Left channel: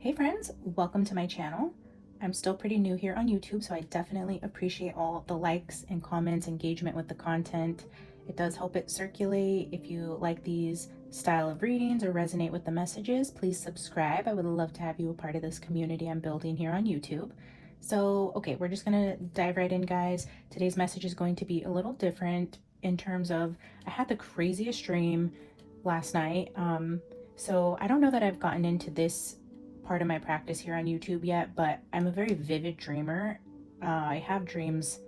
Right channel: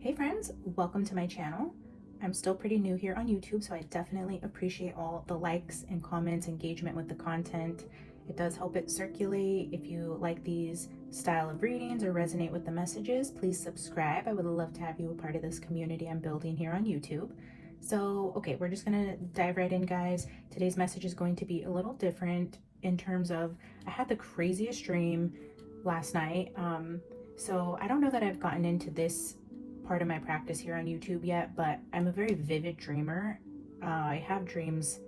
Hey friends, welcome to my channel. I'm still pretty new here on YouTube, so I definitely appreciate all the likes and comments, engagement with the content. It does help it circulate. If you like these style of readings or resonate with the messages, please subscribe. I would love to have you a part of this community I'm building here on YouTube. So, okay, we're just gonna dive right in, guys. Today's message is going to be a little different in terms of I had the craziest dream last night. So I don't know that I've gotten into this part of my practice here on YouTube yet, but I'm a very vivid dreamer. I have dreams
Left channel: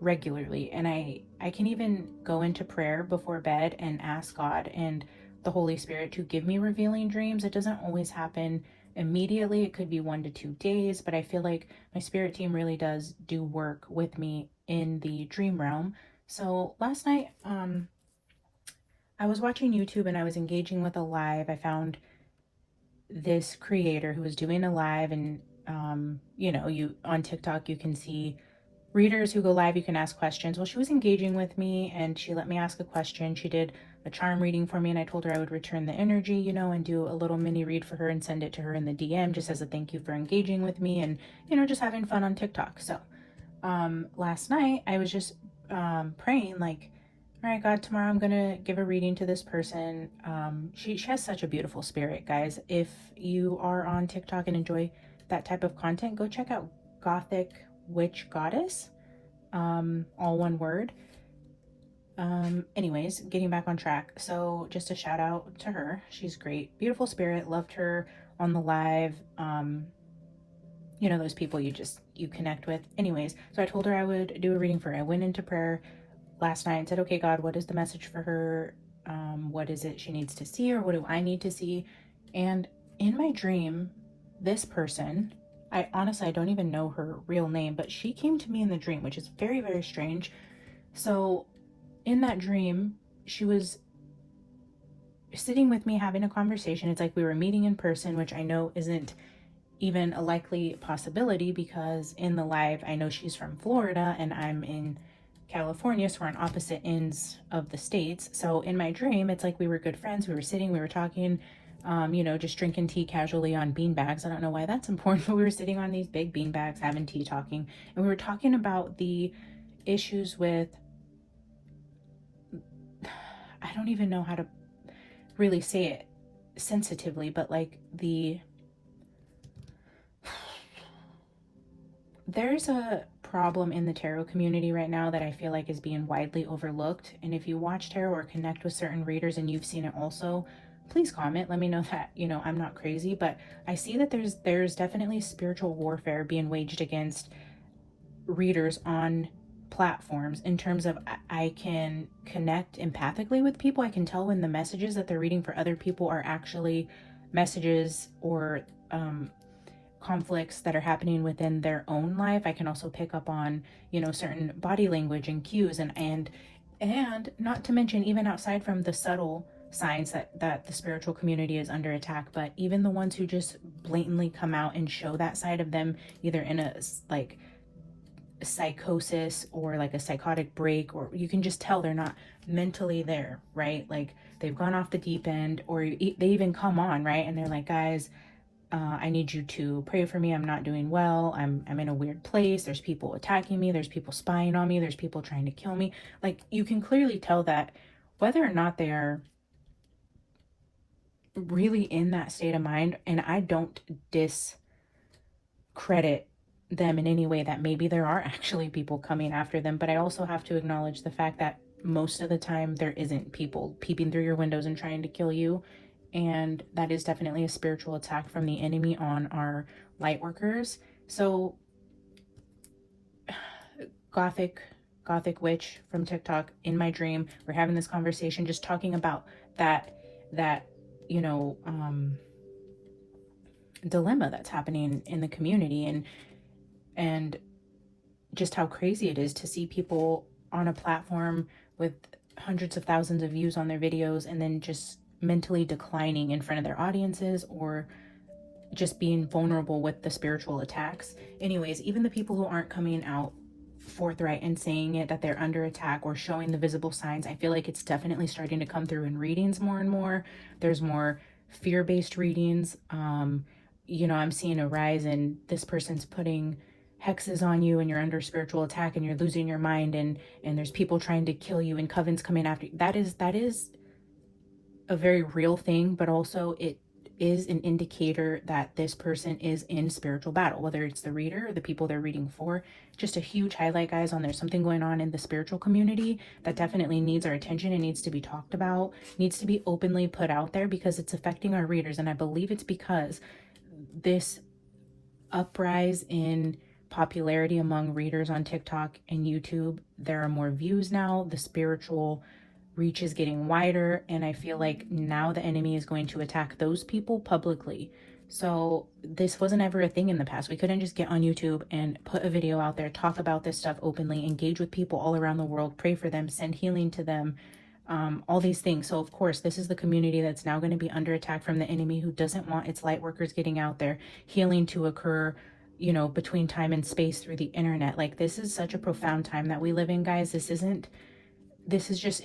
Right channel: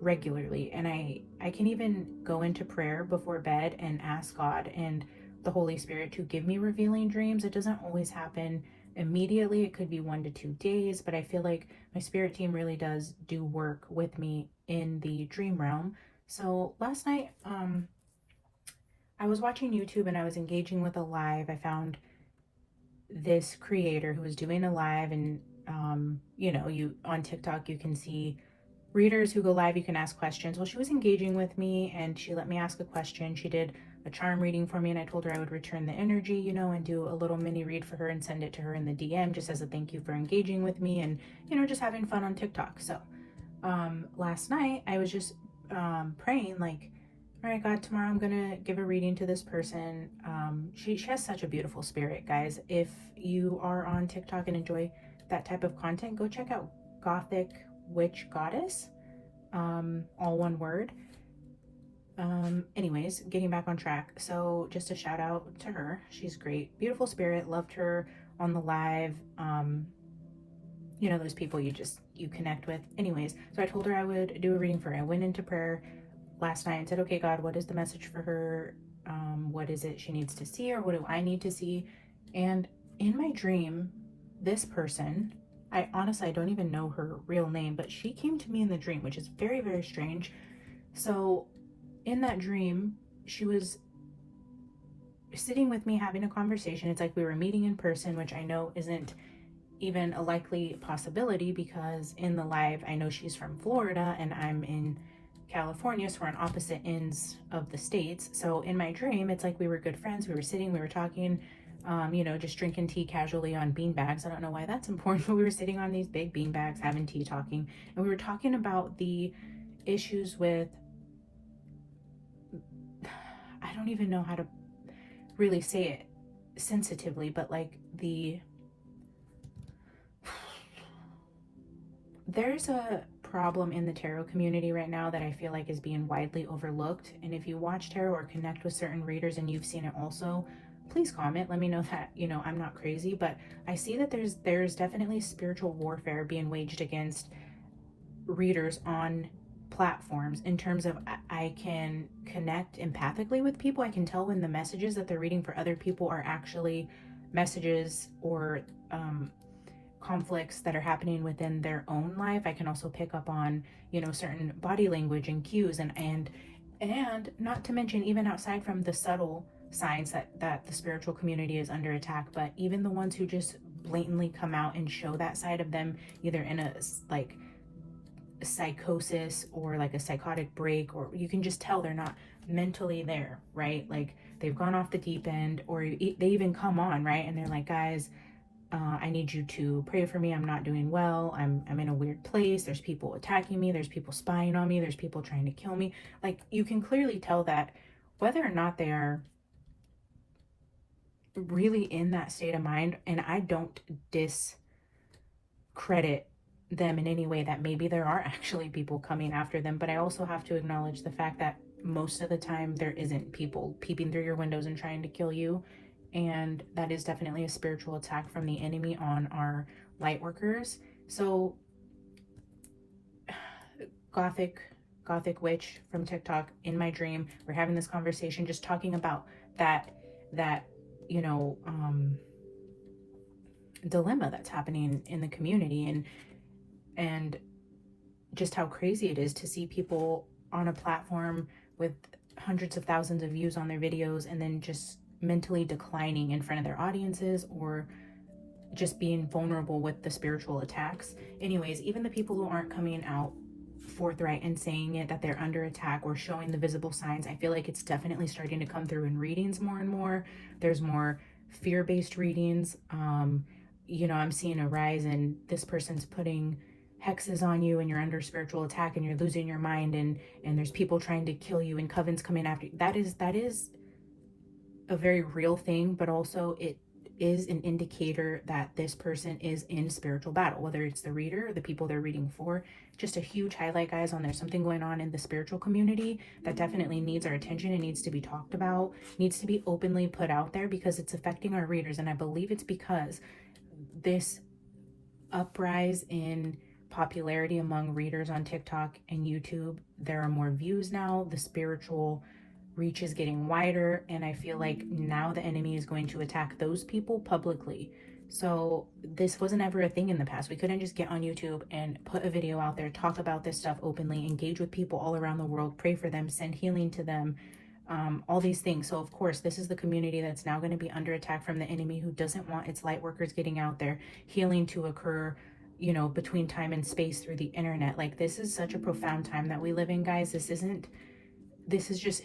regularly, and I can even go into prayer before bed and ask God and the Holy Spirit to give me revealing dreams. It doesn't always happen immediately. It could be 1 to 2 days, but I feel like my spirit team really does do work with me in the dream realm. So last night, I was watching YouTube and I was engaging with a live. I found this creator who was doing a live, and you on TikTok you can see readers who go live, you can ask questions. Well, she was engaging with me and she let me ask a question. She did a charm reading for me, and I told her I would return the energy, and do a little mini read for her and send it to her in the DM just as a thank you for engaging with me and just having fun on TikTok. So last night I was just praying, like, all right, God, tomorrow I'm gonna give a reading to this person. She has such a beautiful spirit, guys. If you are on TikTok and enjoy that type of content, go check out Gothic Witch Goddess, all one word. Anyways, getting back on track. So just a shout out to her. She's great, beautiful spirit. Loved her on the live. Those people you connect with. Anyways, so I told her I would do a reading for her. I went into prayer last night and said, okay, God, what is the message for her? What is it she needs to see, or what do I need to see? And in my dream, this person, I don't even know her real name, but she came to me in the dream, which is very, very strange. So in that dream, she was sitting with me having a conversation. It's like we were meeting in person, which I know isn't even a likely possibility because in the live, I know she's from Florida and I'm in California, so we're on opposite ends of the states. So in my dream, it's like we were good friends. We were sitting, we were talking, just drinking tea casually on bean bags. I don't know why that's important, but we were sitting on these big bean bags having tea, talking, and we were talking about the issues with, I don't even know how to really say it sensitively, but like there's a problem in the tarot community right now that I feel like is being widely overlooked. And if you watch tarot or connect with certain readers and you've seen it also, please comment. Let me know that, I'm not crazy, but I see that there's definitely spiritual warfare being waged against readers on platforms in terms of I can connect empathically with people. I can tell when the messages that they're reading for other people are actually messages or conflicts that are happening within their own life. I can also pick up on, certain body language and cues, and not to mention even outside from the subtle signs that the spiritual community is under attack, but even the ones who just blatantly come out and show that side of them, either in a like psychosis or like a psychotic break, or you can just tell they're not mentally there, right? Like they've gone off the deep end, or they even come on, right? And they're like, guys, I need you to pray for me. I'm not doing well. I'm in a weird place. There's people attacking me. There's people spying on me. There's people trying to kill me. Like you can clearly tell that whether or not they are really in that state of mind, and I don't discredit them in any way, that maybe there are actually people coming after them, but I also have to acknowledge the fact that most of the time there isn't people peeping through your windows and trying to kill you. And that is definitely a spiritual attack from the enemy on our light workers. So gothic witch from TikTok, in my dream, we're having this conversation just talking about that dilemma that's happening in the community, and just how crazy it is to see people on a platform with hundreds of thousands of views on their videos and then just mentally declining in front of their audiences, or just being vulnerable with the spiritual attacks. Anyways, even the people who aren't coming out forthright and saying it, that they're under attack or showing the visible signs, I feel like it's definitely starting to come through in readings more and more. There's more fear-based readings. you know, I'm seeing a rise in this person's putting hexes on you and you're under spiritual attack and you're losing your mind, and there's people trying to kill you and covens coming after you. That is a very real thing, but also it is an indicator that this person is in spiritual battle, whether it's the reader or the people they're reading for. Just a huge highlight, guys, on there's something going on in the spiritual community that definitely needs our attention and needs to be talked about, needs to be openly put out there, because it's affecting our readers. And I believe it's because this uprise in popularity among readers on TikTok and YouTube, there are more views now, the spiritual reach is getting wider, and I feel like now the enemy is going to attack those people publicly. So this wasn't ever a thing in the past. We couldn't just get on YouTube and put a video out there, talk about this stuff openly, engage with people all around the world, pray for them, send healing to them, all these things. So of course, this is the community that's now going to be under attack from the enemy, who doesn't want its light workers getting out there, healing to occur, you know, between time and space through the internet. Like, this is such a profound time that we live in, guys. This is just,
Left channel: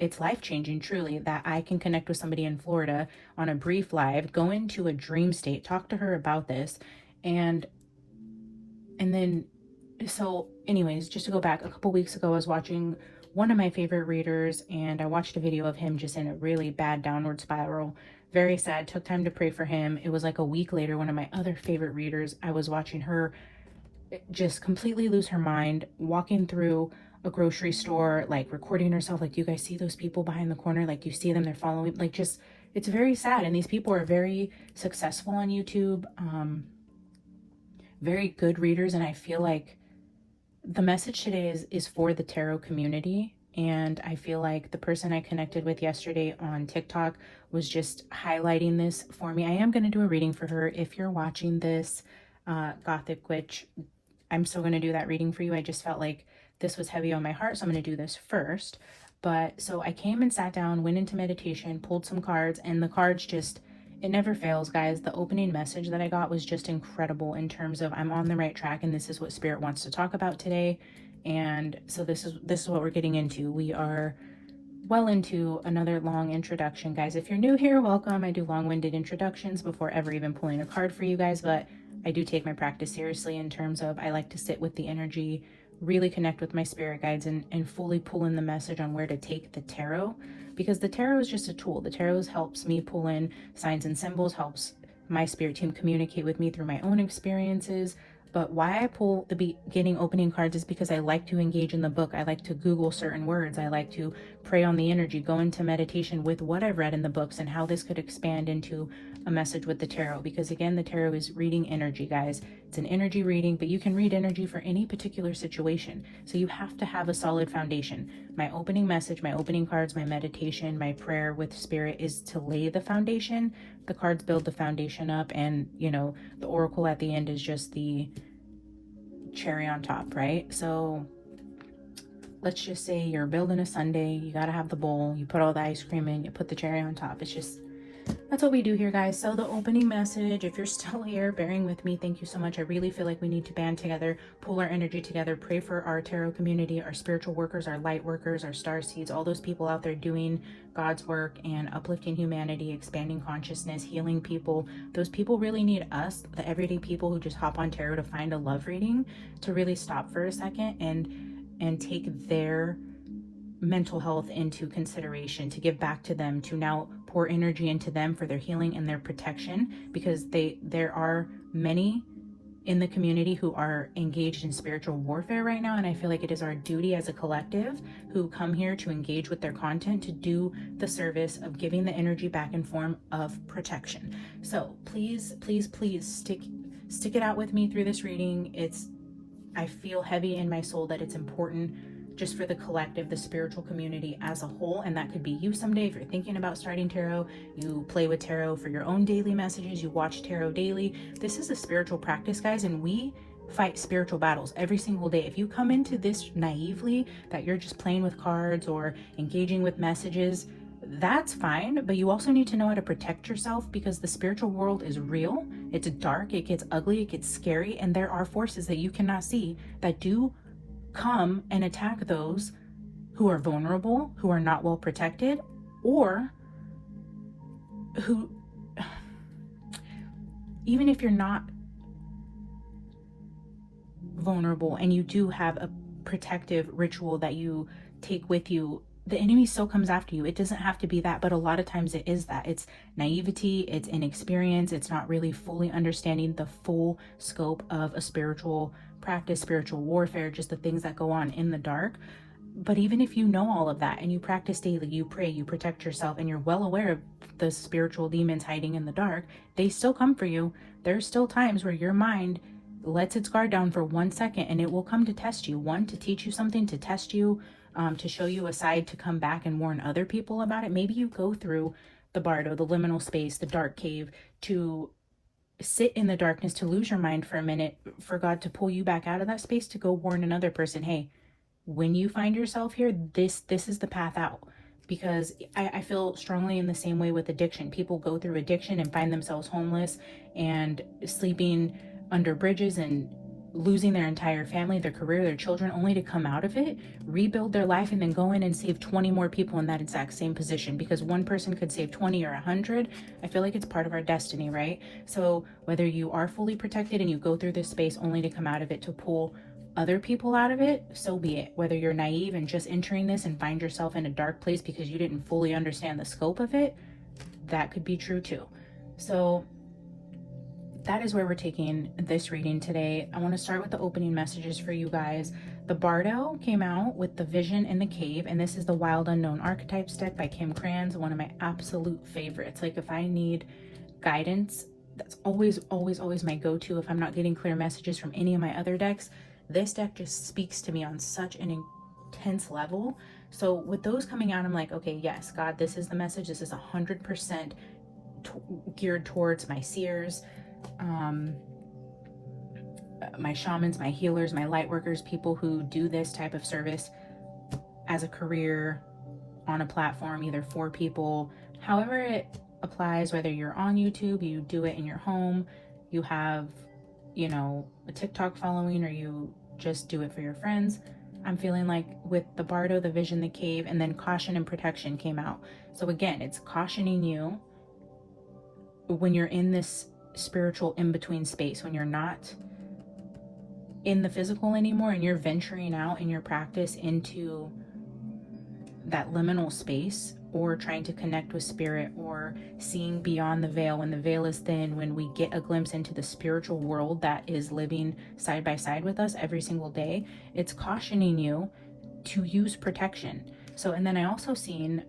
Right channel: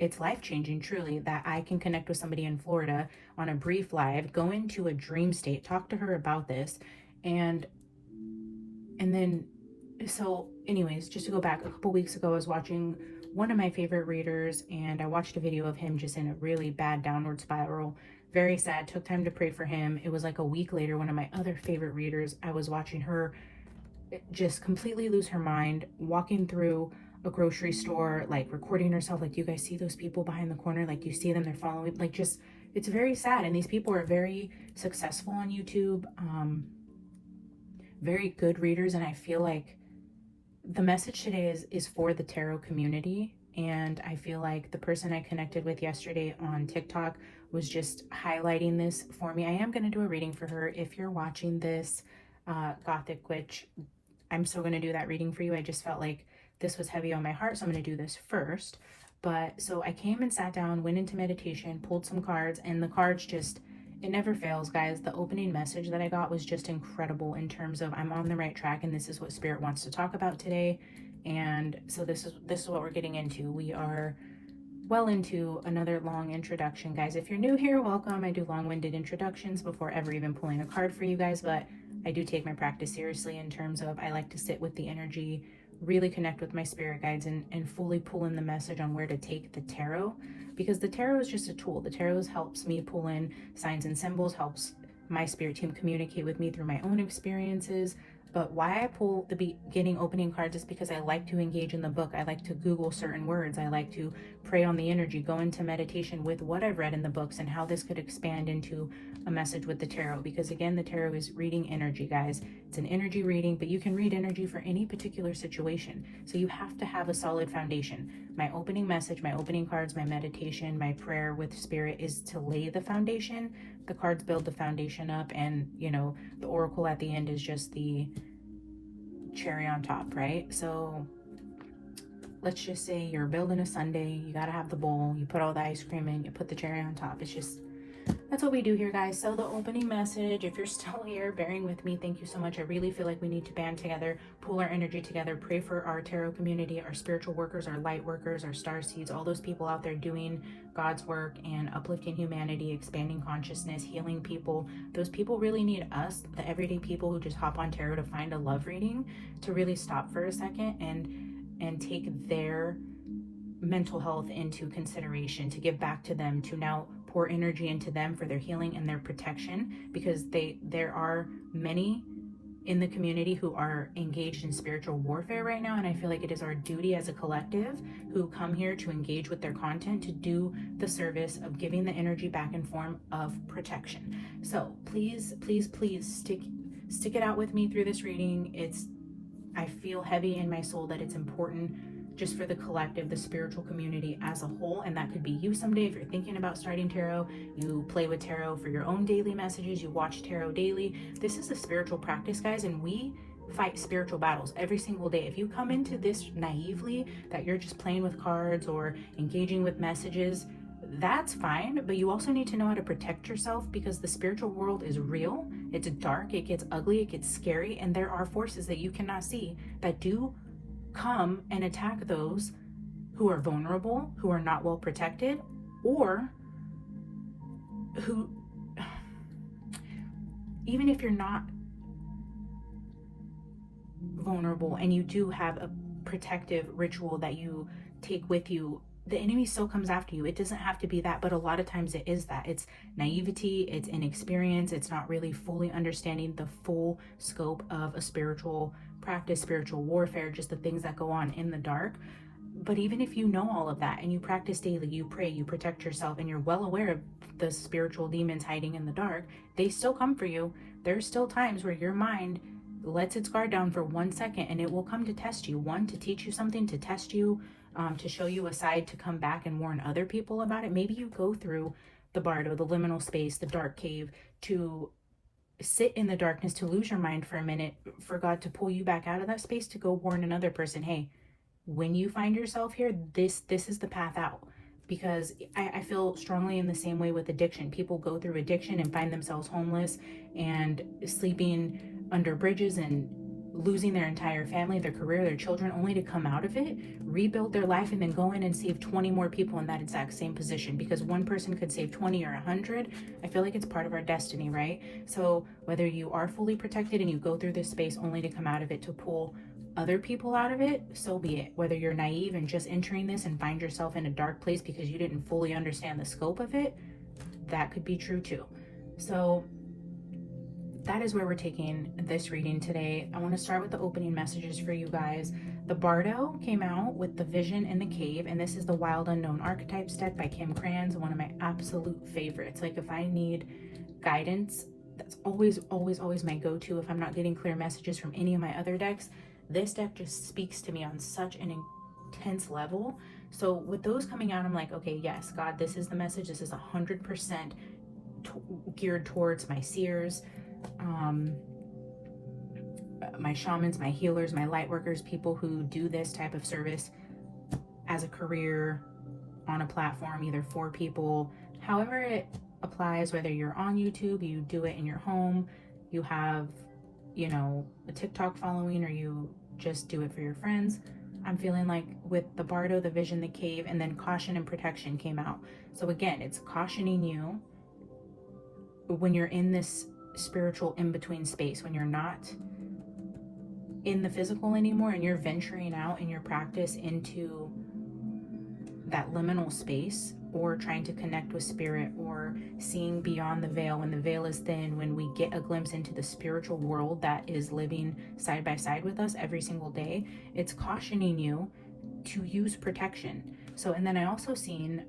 it's life-changing, truly, that I can connect with somebody in Florida on a brief live, go into a dream state, talk to her about this, and then, so anyways, just to go back, a couple weeks ago, I was watching one of my favorite readers, and I watched a video of him just in a really bad downward spiral. Very sad. Took time to pray for him. It was like a week later, one of my other favorite readers, I was watching her just completely lose her mind, walking through a grocery store, like recording herself, like, you guys see those people behind the corner, like, you see them, they're following, like, just, it's very sad. And these people are very successful on YouTube, very good readers, and I feel like the message today is for the tarot community. And I feel like the person I connected with yesterday on TikTok was just highlighting this for me. I am going to do a reading for her. If you're watching this, Gothic Witch, I'm still going to do that reading for you. I just felt like this was heavy on my heart, so I'm going to do this first. But so I came and sat down, went into meditation, pulled some cards, and the cards just, it never fails, guys. The opening message that I got was just incredible in terms of I'm on the right track, and this is what Spirit wants to talk about today. And so this is what we're getting into. We are well into another long introduction, guys. If you're new here, welcome. I do long-winded introductions before ever even pulling a card for you guys, but I do take my practice seriously in terms of I like to sit with the energy, really connect with my spirit guides, and fully pull in the message on where to take the tarot, because the tarot is just a tool. The tarot helps me pull in signs and symbols, helps my spirit team communicate with me through my own experiences. But why I pull the beginning opening cards is because I like to engage in the book. I like to Google certain words. I like to pray on the energy, go into meditation with what I've read in the books and how this could expand into a message with the tarot. Because again, the tarot is reading energy, guys. It's an energy reading, but you can read energy for any particular situation. So you have to have a solid foundation. My opening message, my opening cards, my meditation, my prayer with spirit is to lay the foundation. The cards build the foundation up, and you know, the oracle at the end is just the cherry on top, right? So let's just say you're building a sundae, you gotta have the bowl, you put all the ice cream in, you put the cherry on top. It's just, that's what we do here, guys. So the opening message, if you're still here bearing with me, thank you so much. I really feel like we need to band together, pull our energy together, pray for our tarot community, our spiritual workers, our light workers, our star seeds, all those people out there doing God's work and uplifting humanity, expanding consciousness, healing people. Those people really need us, the everyday people who just hop on tarot to find a love reading, to really stop for a second and take their mental health into consideration, to give back to them, to now pour energy into them for their healing and their protection, because there are many in the community who are engaged in spiritual warfare right now, and I feel like it is our duty as a collective who come here to engage with their content to do the service of giving the energy back in form of protection. So please, please, please stick it out with me through this reading. I feel heavy in my soul that it's important just for the collective, the spiritual community as a whole. And that could be you someday if you're thinking about starting tarot, you play with tarot for your own daily messages, you watch tarot daily. This is a spiritual practice, guys, and we fight spiritual battles every single day. If you come into this naively, that you're just playing with cards or engaging with messages, that's fine, but you also need to know how to protect yourself, because the spiritual world is real. It's dark, it gets ugly, it gets scary, and there are forces that you cannot see that do come and attack those who are vulnerable, who are not well protected, or who even if you're not vulnerable and you do have a protective ritual that you take with you, the enemy still comes after you. It doesn't have to be that, but a lot of times it is that. It's naivety, it's inexperience, it's not really fully understanding the full scope of a spiritual practice, spiritual warfare, just the things that go on in the dark. But even if you know all of that and you practice daily, you pray, you protect yourself, and you're well aware of the spiritual demons hiding in the dark, they still come for you. There's still times where your mind lets its guard down for 1 second, and it will come to test you. One, to teach you something, to test you, to show you a side, to come back and warn other people about it. Maybe you go through the bardo, the liminal space, the dark cave, to sit in the darkness, to lose your mind for a minute, for God to pull you back out of that space, to go warn another person, hey, when you find yourself here, this is the path out. Because I feel strongly in the same way with addiction. People go through addiction and find themselves homeless and sleeping under bridges and losing their entire family, their career, their children, only to come out of it, rebuild their life, and then go in and save 20 more people in that exact same position. Because one person could save 20 or 100. I feel like it's part of our destiny, right? So whether you are fully protected and you go through this space only to come out of it to pull other people out of it, so be it. Whether you're naive and just entering this and find yourself in a dark place because you didn't fully understand the scope of it, that could be true too. So that is where we're taking this reading today. I want to start with the opening messages for you guys. The Bardo came out with the Vision in the Cave, and this is the Wild Unknown Archetypes deck by Kim Krans, one of my absolute favorites. Like, if I need guidance, that's always my go-to. If I'm not getting clear messages from any of my other decks, this deck just speaks to me on such an intense level. So with those coming out, I'm like, okay, yes, God, this is the message. This is 100% geared towards my seers, my shamans, my healers, my light workers, people who do this type of service as a career on a platform, either for people, however it applies, whether you're on YouTube, you do it in your home, you have, you know, a TikTok following, or you just do it for your friends. I'm feeling like with the Bardo, the Vision, the Cave, and then Caution and Protection came out. So again, it's cautioning you when you're in this spiritual in-between space, when you're not in the physical anymore and you're venturing out in your practice into that liminal space, or trying to connect with spirit, or seeing beyond the veil when the veil is thin, when we get a glimpse into the spiritual world that is living side by side with us every single day. It's cautioning you to use protection. So, and then I also seen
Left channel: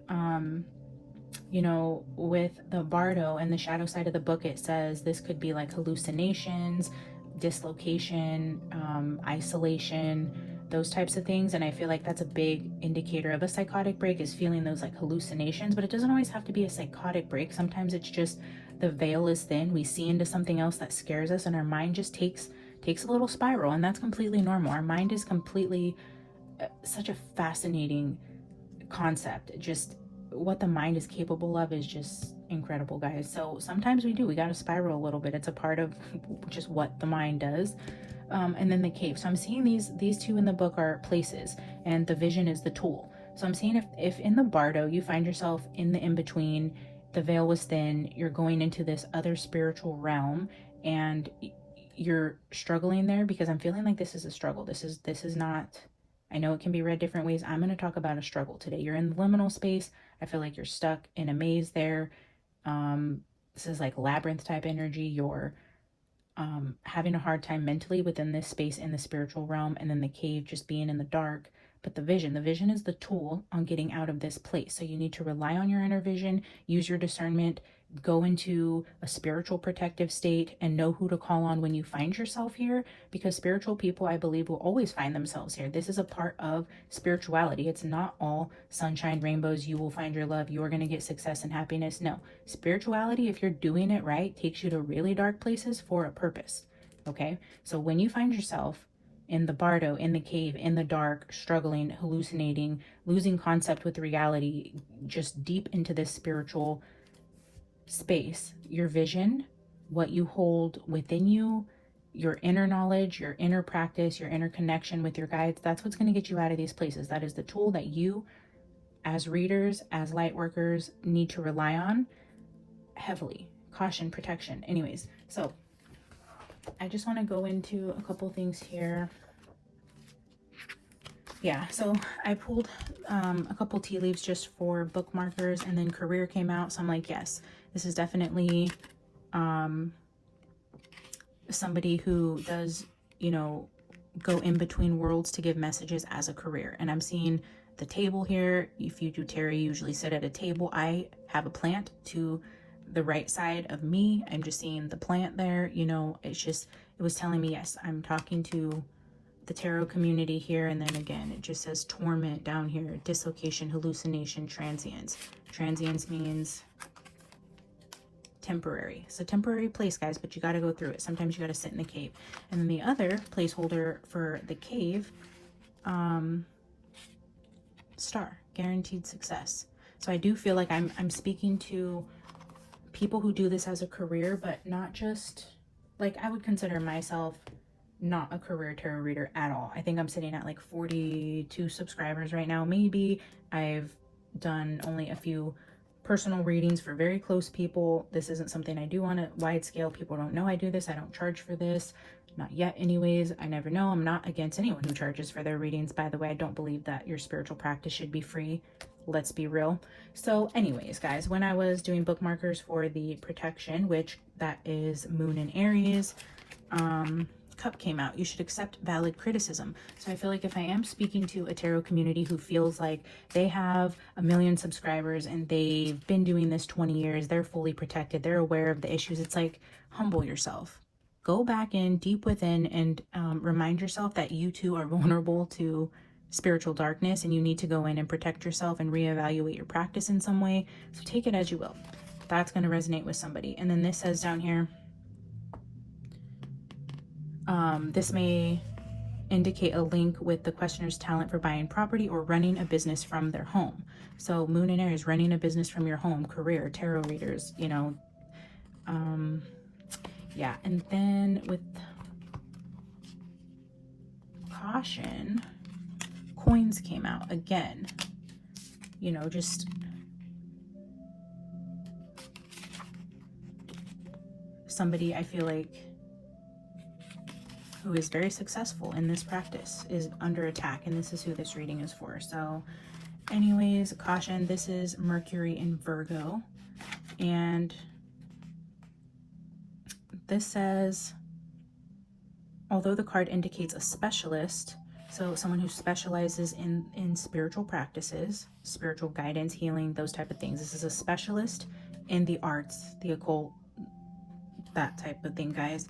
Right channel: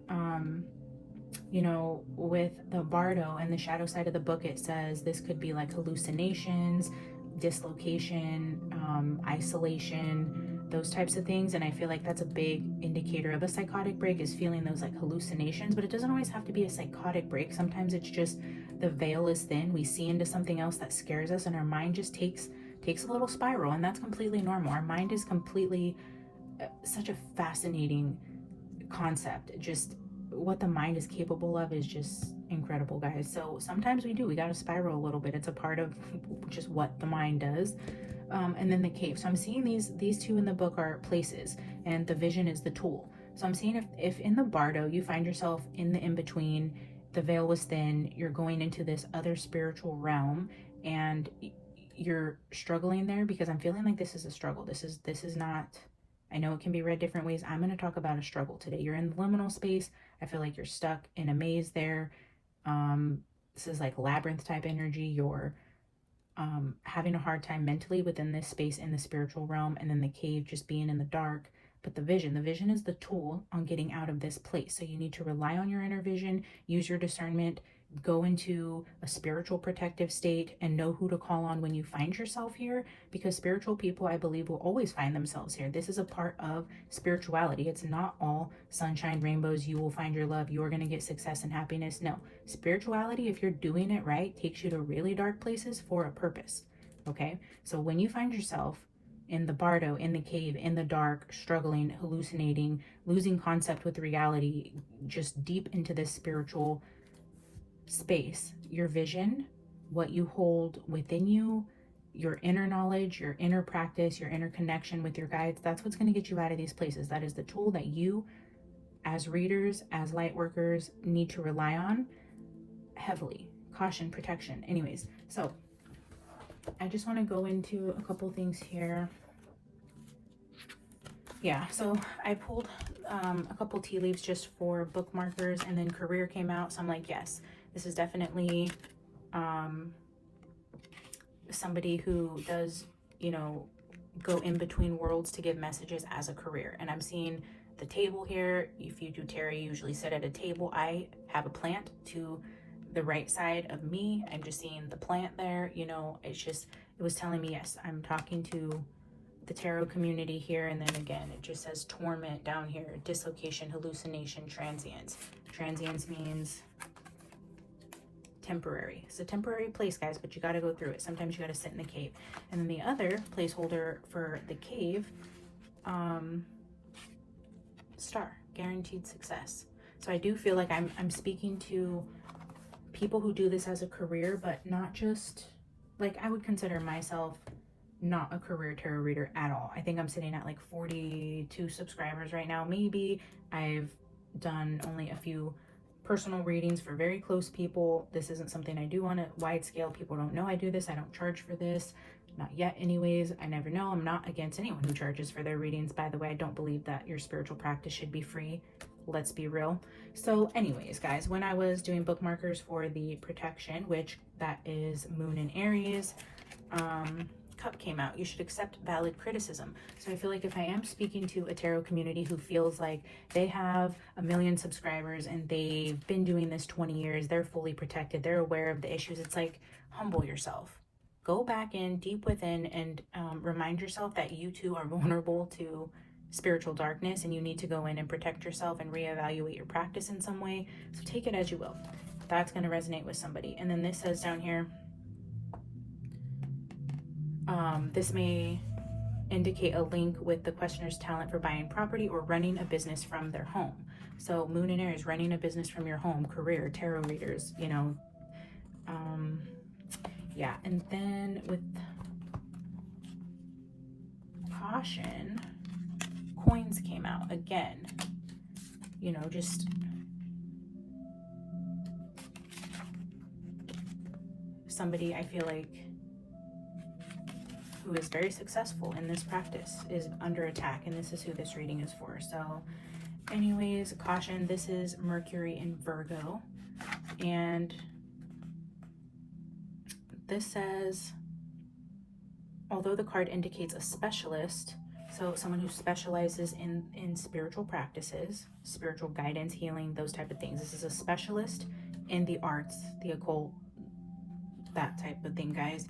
you know, with the Bardo and the shadow side of the book, it says this could be like hallucinations, dislocation, isolation, those types of things. And I feel like that's a big indicator of a psychotic break, is feeling those like hallucinations. But it doesn't always have to be a psychotic break. Sometimes it's just the veil is thin, we see into something else that scares us, and our mind just takes a little spiral, and that's completely normal. Our mind is completely such a fascinating concept. Just what the mind is capable of is just incredible, guys. So sometimes we gotta spiral a little bit. It's a part of just what the mind does. And then the Cave. So I'm seeing these two in the book are places, and the Vision is the tool. So I'm seeing if in the Bardo you find yourself in the in-between, the veil was thin, you're going into this other spiritual realm, and you're struggling there, because I'm feeling like this is a struggle. This is not, I know it can be read different ways. I'm going to talk about a struggle today. You're in the liminal space. I feel like you're stuck in a maze there. This is like labyrinth type energy. You're having a hard time mentally within this space in the spiritual realm, and then the Cave just being in the dark. But the vision is the tool on getting out of this place. So you need to rely on your inner vision, use your discernment, go into a spiritual protective state, and know who to call on when you find yourself here, because spiritual people, I believe, will always find themselves here. This is a part of spirituality. It's not all sunshine, rainbows, you will find your love, you're going to get success and happiness. No, spirituality, if you're doing it right, takes you to really dark places for a purpose. Okay, so when you find yourself in the Bardo, in the Cave, in the dark, struggling, hallucinating, losing concept with reality, just deep into this spiritual space, your vision, what you hold within you, your inner knowledge, your inner practice, your inner connection with your guides, that's what's going to get you out of these places. That is the tool that you, as readers, as light workers, need to rely on heavily. Caution, protection. Anyways, so I just want to go into a couple things here. Yeah, so I pulled a couple tea leaves just for bookmarkers, and then career came out. So I'm like, yes, this is definitely somebody who does, you know, go in between worlds to give messages as a career. And I'm seeing the table here. If you do tarot, you usually sit at a table. I have a plant to the right side of me. I'm just seeing the plant there. You know, it's just, it was telling me, yes, I'm talking to the tarot community here. And then again, it just says torment down here, dislocation, hallucination, transience. Transience means temporary. It's a temporary place, guys, but you got to go through it. Sometimes you got to sit in the cave. And then the other placeholder for the cave, star, guaranteed success. So I do feel like I'm speaking to people who do this as a career, but not just, like, I would consider myself not a career tarot reader at all. I think I'm sitting at like 42 subscribers right now. Maybe I've done only a few personal readings for very close people. This isn't something I do on a wide scale. People don't know I do this. I don't charge for this. Not yet anyways. I never know. I'm not against anyone who charges for their readings. By the way, I don't believe that your spiritual practice should be free. Let's be real. So anyways, guys, when I was doing bookmarkers for the protection, which that is Moon in Aries, Cup came out. You should accept valid criticism. So I feel like if I am speaking to a tarot community who feels like they have 1 million subscribers and they've been doing this 20 years, they're fully protected, they're aware of the issues, it's like, humble yourself. Go back in deep within and remind yourself that you too are vulnerable to spiritual darkness, and you need to go in and protect yourself and reevaluate your practice in some way. So take it as you will. That's going to resonate with somebody. And then this says down here, this may indicate a link with the questioner's talent for buying property or running a business from their home. So Moon and Aries, running a business from your home, career, tarot readers, you know. Yeah, and then with caution, coins came out again. You know, just somebody I feel like who is very successful in this practice is under attack, and this is who this reading is for. So anyways, caution, this is Mercury in Virgo, and this says, although the card indicates a specialist, so someone who specializes in spiritual practices, spiritual guidance, healing, those type of things. This is a specialist in the arts, the occult, that type of thing, guys.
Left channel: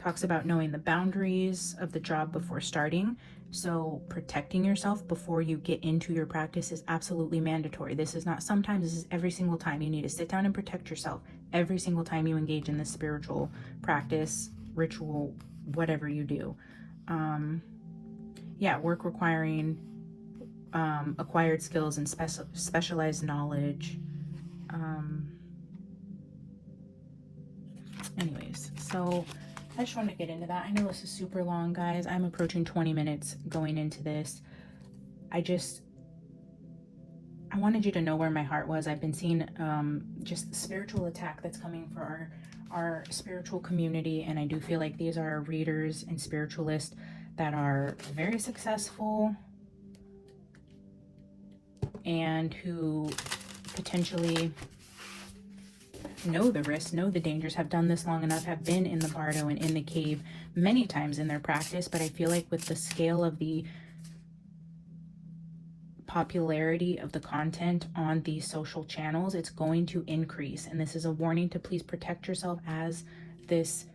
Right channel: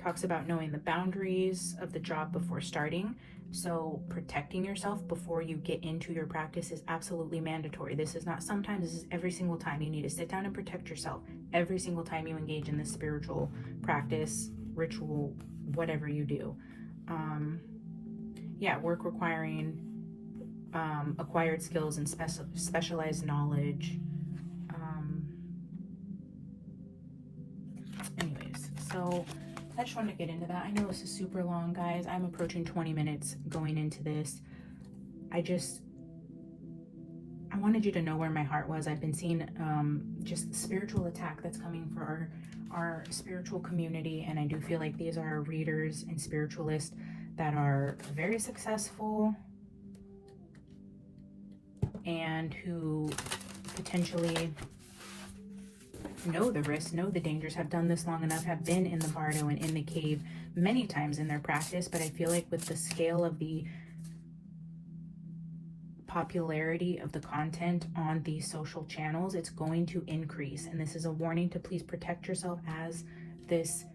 Talks about knowing the boundaries of the job before starting. So protecting yourself before you get into your practice is absolutely mandatory. This is not sometimes, this is every single time. You need to sit down and protect yourself every single time you engage in this spiritual practice, ritual, whatever you do. Yeah, work requiring acquired skills and specialized knowledge. Anyways, so I just wanted to get into that. I know this is super long, guys. I'm approaching 20 minutes going into this. I wanted you to know where my heart was. I've been seeing just the spiritual attack that's coming for our spiritual community, and I do feel like these are readers and spiritualists that are very successful and who potentially know the risks, know the dangers, have done this long enough, have been in the bardo and in the cave many times in their practice. But I feel like with the scale of the popularity of the content on these social channels, it's going to increase. And this is a warning to please protect yourself as this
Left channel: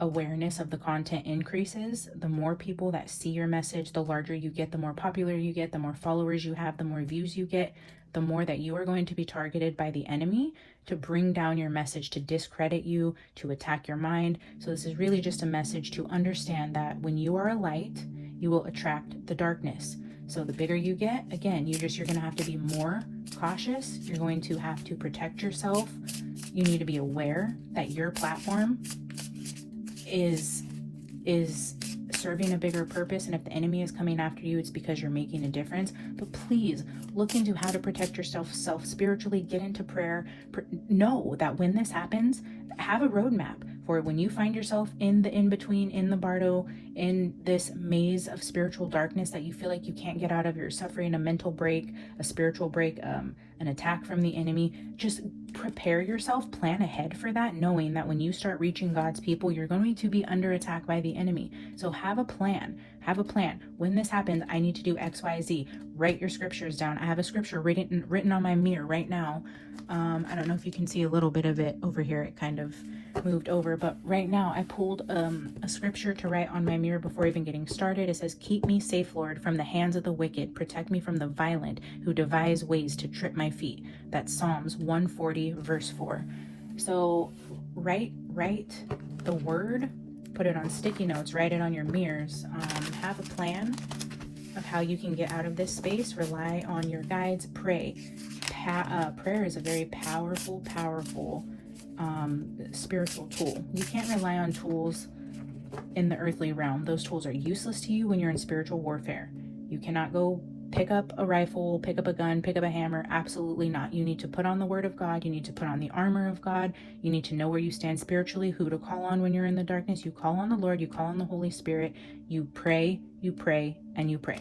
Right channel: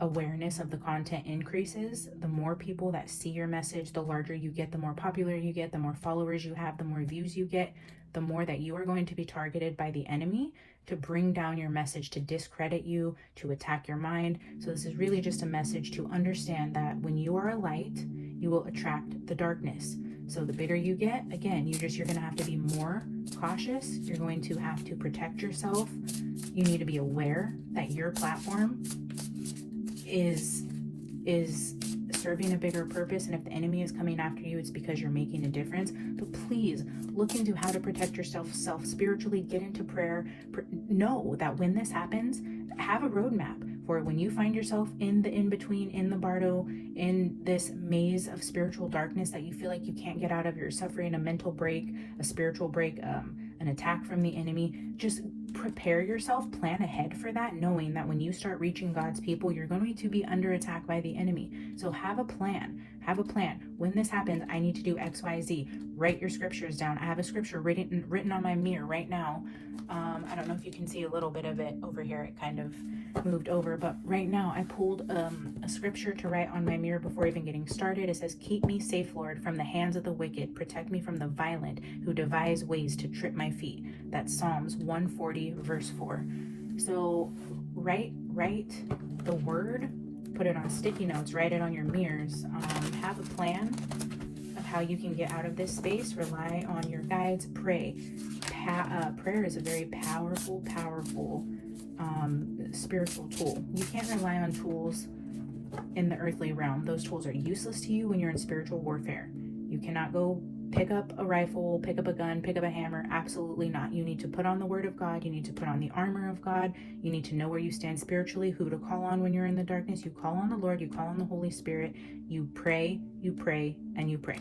awareness of the content increases. The more people that see your message, the larger you get, the more popular you get, the more followers you have, the more views you get, the more that you are going to be targeted by the enemy to bring down your message, to discredit you, to attack your mind. So this is really just a message to understand that when you are a light, you will attract the darkness. So the bigger you get, again, you're going to have to be more cautious. You're going to have to protect yourself. You need to be aware that your platform is serving a bigger purpose, and if the enemy is coming after you, it's because you're making a difference. But please look into how to protect yourself spiritually. Get into prayer. Know that when this happens, have a roadmap for when you find yourself in the in-between, in the bardo, in this maze of spiritual darkness that you feel like you can't get out of. You're suffering a mental break, a spiritual break, an attack from the enemy. Just prepare yourself, plan ahead for that, knowing that when you start reaching God's people, you're going to be under attack by the enemy. So have a plan. Have a plan. When this happens, I need to do X, Y, Z. Write your scriptures down. I have a scripture written on my mirror right now. I don't know if you can see a little bit of it over here. It kind of moved over, but right now I pulled a scripture to write on my mirror before even getting started. It says, "Keep me safe, Lord, from the hands of the wicked. Protect me from the violent who devise ways to trip my feet." That's Psalms 140 verse 4. So write the word, put it on sticky notes, write it on your mirrors. Have a plan of how you can get out of this space. Rely on your guides. Pray. Prayer is a very powerful spiritual tool. You can't rely on tools in the earthly realm. Those tools are useless to you when you're in spiritual warfare. You cannot go pick up a rifle, pick up a gun, pick up a hammer. Absolutely not. You need to put on the word of God. You need to put on the armor of God. You need to know where you stand spiritually, who to call on when you're in the darkness. You call on the Lord, you call on the Holy Spirit, you pray, and you pray.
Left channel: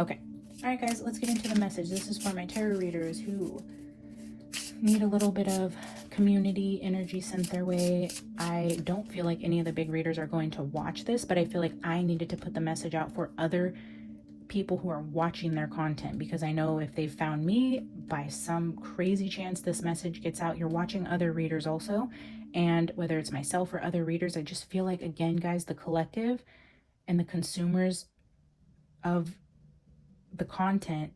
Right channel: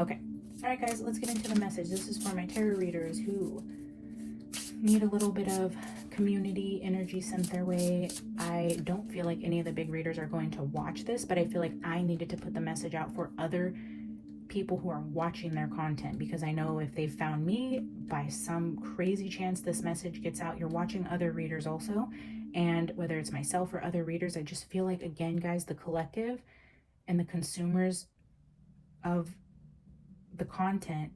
Okay. All right, guys, let's get into the message. This is for my tarot readers who need a little bit of community energy sent their way. I don't feel like any of the big readers are going to watch this, but I feel like I needed to put the message out for other people who are watching their content, because I know if they found me, by some crazy chance this message gets out, you're watching other readers also. And whether it's myself or other readers, I just feel like, again, guys, the collective and the consumers of the content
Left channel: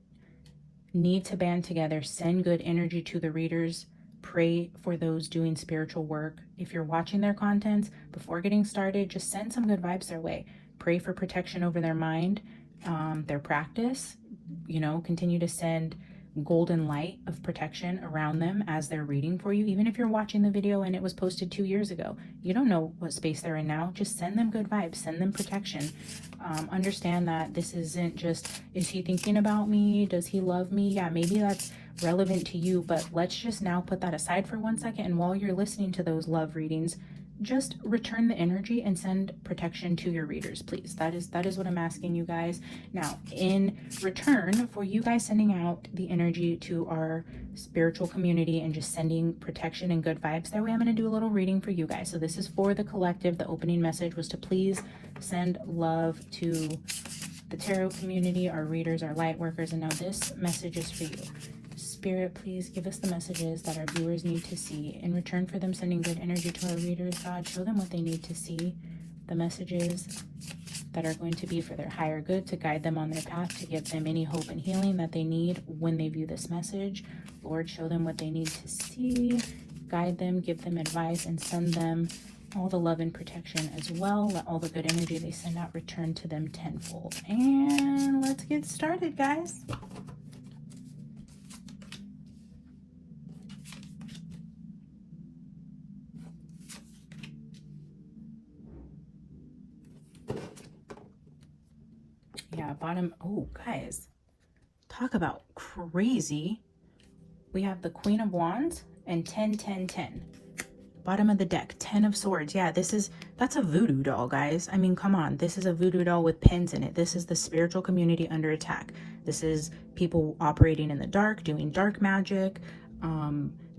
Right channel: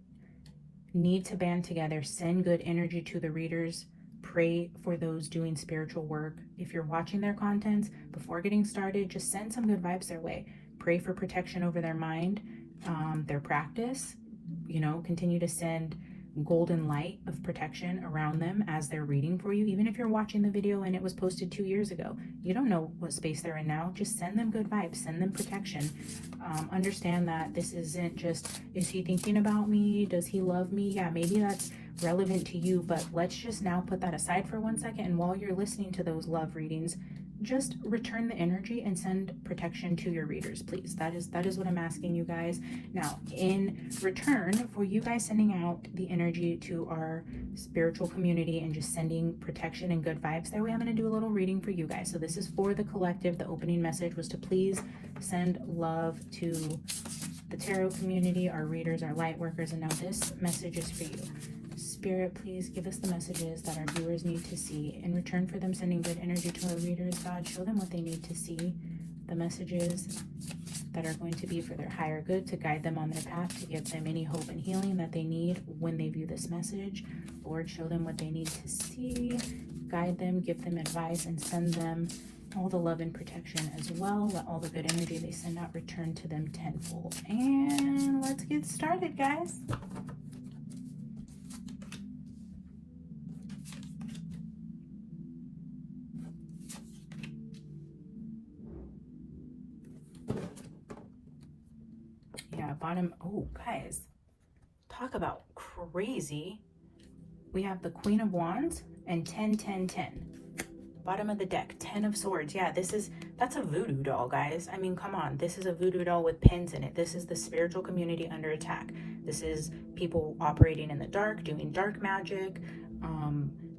need to band together, send good energy to the readers, pray for those doing spiritual work. If you're watching their contents, before getting started, just send some good vibes their way. Pray for protection over their mind, their practice. Continue to send golden light of protection around them as they're reading for you. Even if you're watching the video and it was posted 2 years ago, you don't know what space they're in now. Just send them good vibes, send them protection. Understand that this isn't just, is he thinking about me? Does he love me? Yeah, maybe that's relevant to you, but let's just now put that aside for 1 second. And while you're listening to those love readings, just return the energy and send protection to your readers, please. That is what I'm asking you guys. Now, in return for you guys sending out the energy to our spiritual community and just sending protection and good vibes their way, I'm going to do a little reading for you guys. So this is for the collective. The opening message was to please send love to the tarot community, our readers, our light workers, and now this message is for you. Spirit, please give us the messages that our viewers need to see. In return for them sending good energy to our readers, God, show them what they need to see, the messages that are going to be for their higher good, to guide them on their path, to give them any hope and healing that they need when they view this message. Lord, show them what they need to see, guide them, give them advice, and send them all the love and protection as well. Let all the good energy they send out return to them tenfold. And let's get started, guys. Yeah, bottom. Oh, guys, talk about crazy. We have the Queen of Wands and 10, 10, 10. Bottom of the deck, 10 of Swords. Yeah, that's a voodoo doll, guys. I mean, come on. This is a voodoo doll with pins in it. This is the spiritual community under attack. This is people operating in the dark, doing dark magic,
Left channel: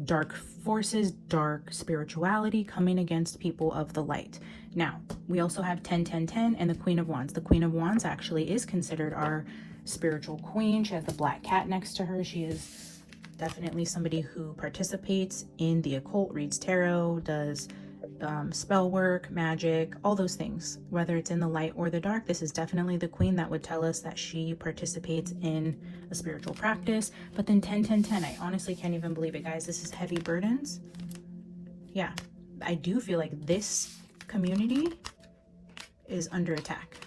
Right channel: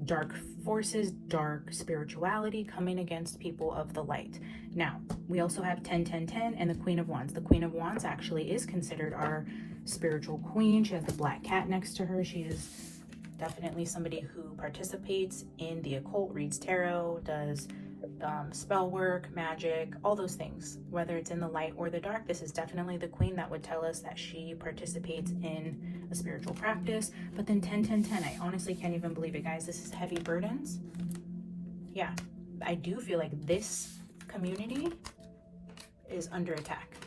dark forces, dark spirituality coming against people of the light. Now, we also have 10, 10, 10 and the Queen of Wands. The Queen of Wands actually is considered our spiritual queen. She has the black cat next to her. She is definitely somebody who participates in the occult, reads tarot, does spell work, magic, all those things. Whether it's in the light or the dark, this is definitely the queen that would tell us that she participates in a spiritual practice. But then 10, 10, 10, I honestly can't even believe it, guys. This is heavy burdens. Yeah, I do feel like this community is under attack.